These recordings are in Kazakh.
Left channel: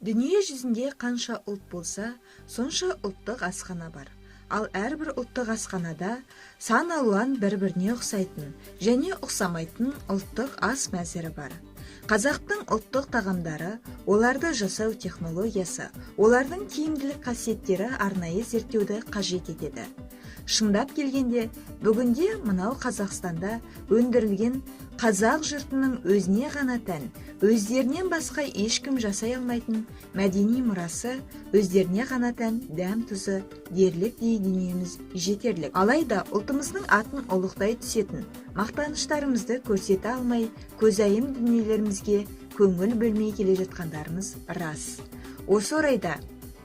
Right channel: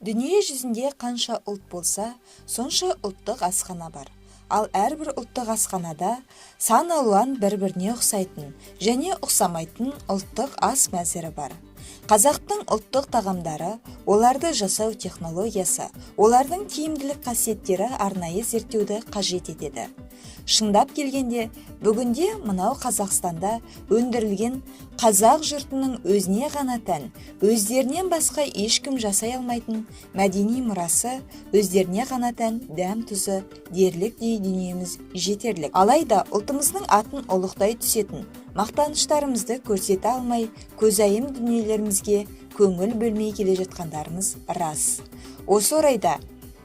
Дүние жүзінде қанша ұлт болса, сонша ұлттық асхана бар. Ал әрбір ұлттық асханада сан алуан бір-біріне ұқсайтын және ұқсамайтын ұлттық ас мәзірі бар. Қазақтың ұлттық тағамдары, оларды жасау технологиясы, олардың тиімділік қасиеттері арнайы зерттеуді қажет етеді. Шындап келгенде, бүгінде мынау Қазақстанда өндірілген қазақ жұртының өзіне ғана тән, өздерінен басқа ешкім жасай алмайтын мәдени мұрасы, өздеріне ғана тән дәм тұзы, дерлік дүниеміз жетерлік. Алайда ұлтымыздың атын ұлықтай түсетін, мақтаныштарымызды көрсете алмай, көзайым дүниелерімізге көңіл бөлмей келе жатқандарымыз рас. Осы орайда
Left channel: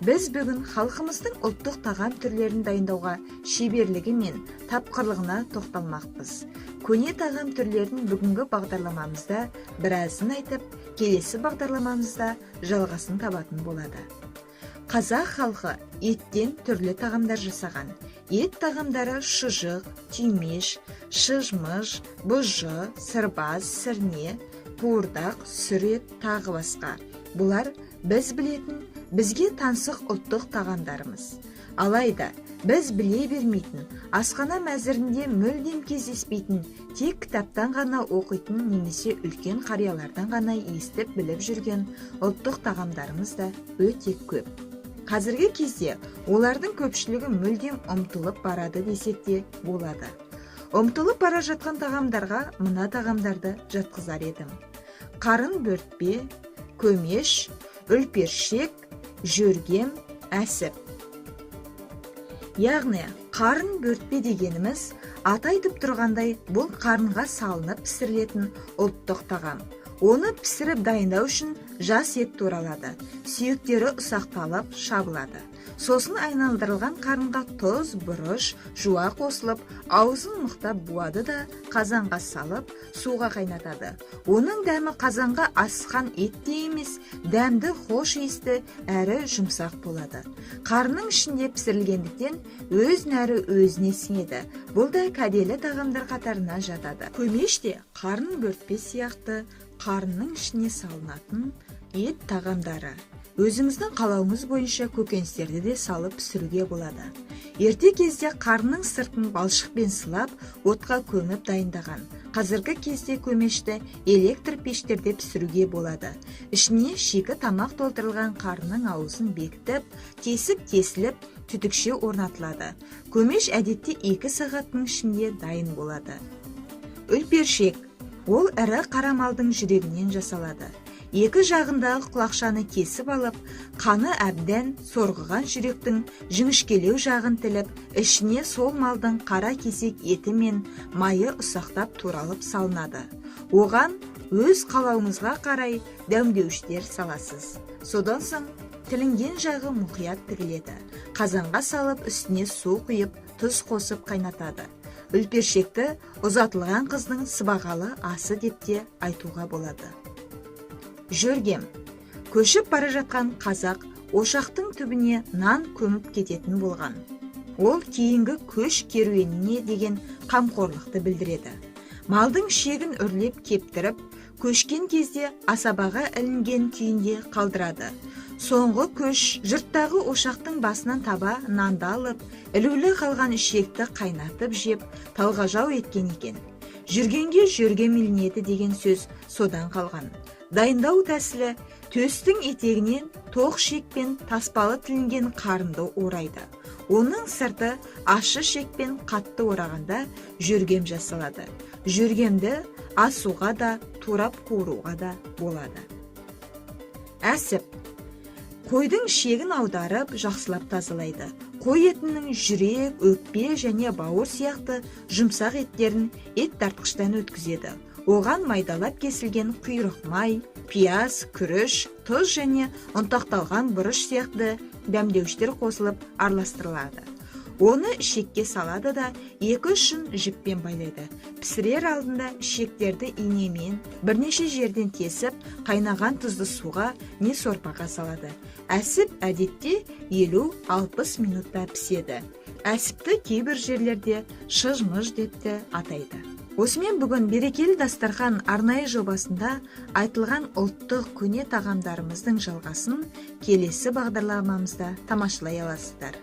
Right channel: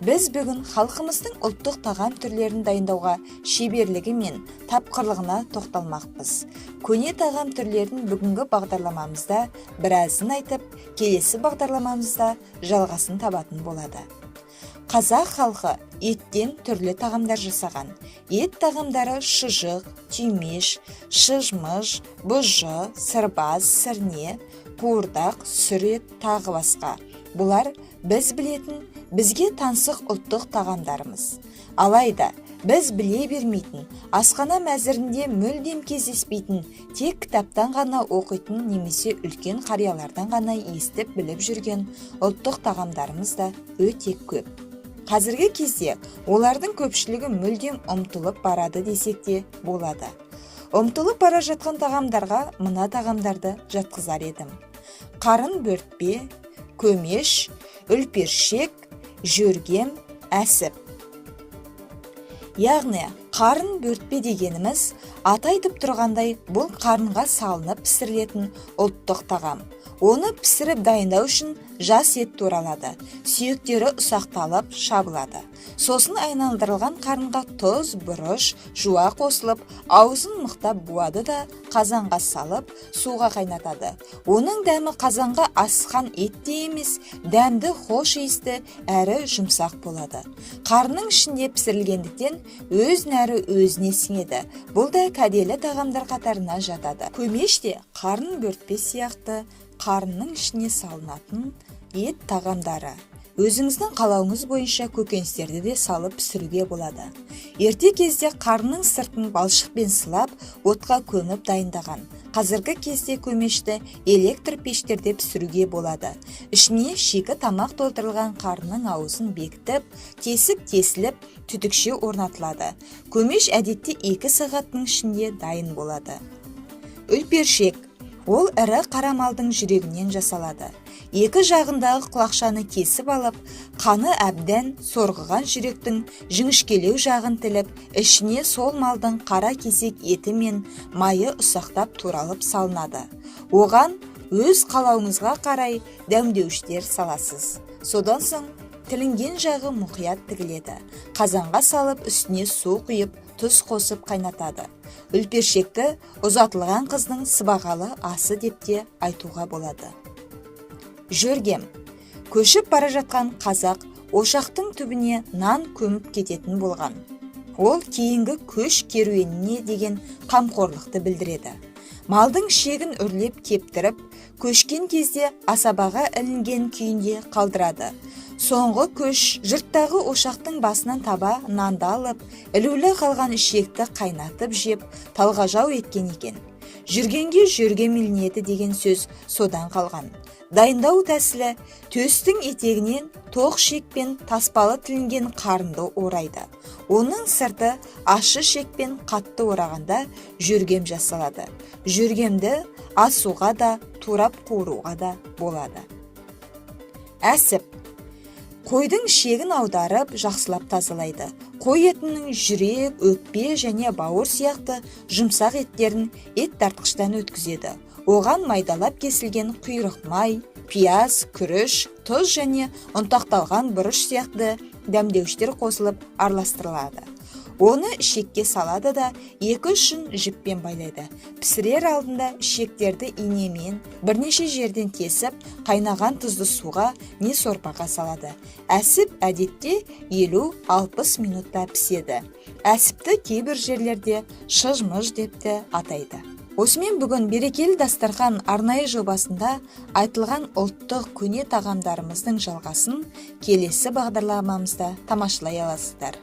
біз бүгін халқымыздың ұлттық тағам түрлерін дайындауға шеберлігі мен тапқырлығына тоқталмақпыз. Көне тағам түрлерін бүгінгі бағдарламамызда біразын айтып, келесі бағдарламамызда жалғасын табатын болады. Қазақ халқы еттен түрлі тағамдар жасаған. Ет тағамдары шұжық, түймеш, шыжмыш, бұжы, сырбаз, сірне, қуырдақ, сүрет, тағы басқа. Бұлар біз білетін, бізге таңсық ұлттық тағамдарымыз. Алайда біз біле бермейтін, асхана мәзірінде мүлдем кездеспейтін, тек кітаптан ғана оқитын немесе үлкен қариялардан ғана естіп біліп жүрген ұлттық тағамдарымыз да өте көп. Қазіргі кезде олардың көпшілігі мүлдем ұмытылып барады десек те болады. Ұмытылып бара жатқан тағамдарға мына тағамдарды жатқызар едім. Қарын бөртпе, көмеш, үлпершек, жөргем, әсіп. Яғни, қарын бөртпе дегеніміз аты айтып тұрғандай, бұл қарынға салынып пісірілетін ұлттық тағам. Оны пісіріп дайындау үшін жас ет туралады, сүйектері ұсақталып шабылады. Сосын айналдырылған қарынға тұз, бұрыш, жуа қосылып, аузын мықтап буады да қазанға салып, суға қайнатады. Оның дәмі қазанға асқан етте емес, дәмді хош иісті әрі жұмсақ болады. Қарынның ішінде пісірілгендіктен өз нәрі өзіне сіңеді. Бұл да кәделі тағамдар қатарына жатады. Көмеш те қарын бөртпе сияқты қарынның ішіне салынатын ет тағамдары. Өзіңіздің қалауыңыз бойынша көкөністерді де салып пісіруге болады. Ерте кезде қарынның сыртын балшықпен сылап, отқа көміп дайындаған. Қазіргі кезде көмешті электр пештерде пісіруге болады. Ішіне шикі тамақ толтырылған қарынның аузын бекітіп, тесіліп, түтікше орнатылады. Көмеш әдетте 2 сағаттың ішінде дайын болады. Үлпершек. Ол ірі қара малдың жүрегінен жасалады. 2 жағындағы құлақшаны кесіп алып, қаны әбден сорғыған жүректің жіңішкелеу жағын тіліп, ішіне сол малдың қара кесек еті мен майы ұсақтап туралып салынады. Оған өз қалауыңызға қарай дәмдеуіштер саласыз. Содан соң тілінген жағы мұқият тігіледі. Қазанға салып, үстіне су құйып, тұз қосып қайнатады. Үлпершекті ұзатылған қыздың сыбағалы асы деп те айтуға болады. Жөргем. Көшіп бара жатқан қазақ ошақтың түбіне нан көміп кететін болған. Ол кейінгі көш керуеніне деген қамқорлықты білдіреді. Малдың шегін үрлеп кептіріп, көшкен кезде асабаға ілінген күйінде қалдырады. Соңғы көш жұрттағы ошақтың басынан таба нанды алып, ілулі қалған ішекті қайнатып жеп, талғажау еткен екен. Жүргенге жөргем ілінеді деген сөз содан қалған. Дайындау тәсілі төстің етегінен тоқ шекпен таспалы тілінген қарынды орайды. Оның сырты ащы шекпен қатты орағанда жөргем жасалады. Жөргемді асуға да, турап қуыруға да болады. Әсіп. Қойдың шегін аударып, жақсылап тазалайды. Қой етінің жүрек, өкпе және бауыр сияқты жұмсақ еттерін ет тартқыштан өткізеді. Оған майдалап кесілген құйрық май, пияз, күріш, тұз және ұнтақталған бұрыш сияқты дәмдеуіштер қосылып араластырылады. Оны ішекке салады да 2-3 жіппен байлайды. Пісірер алдында ішектерді инемен бірнеше жерден кесіп, қайнаған тұзды суға не сорпаға салады. Әсіп әдетте 50-60 минутта піседі. Әсіпті кейбір жерлерде шыжмыш деп те атайды. Осымен бүгін берекелі дастархан арнайы жобасында айтылған ұлттық көне тағамдарымыздың жалғасын келесі бағдарламамызда тамашалай аласыздар.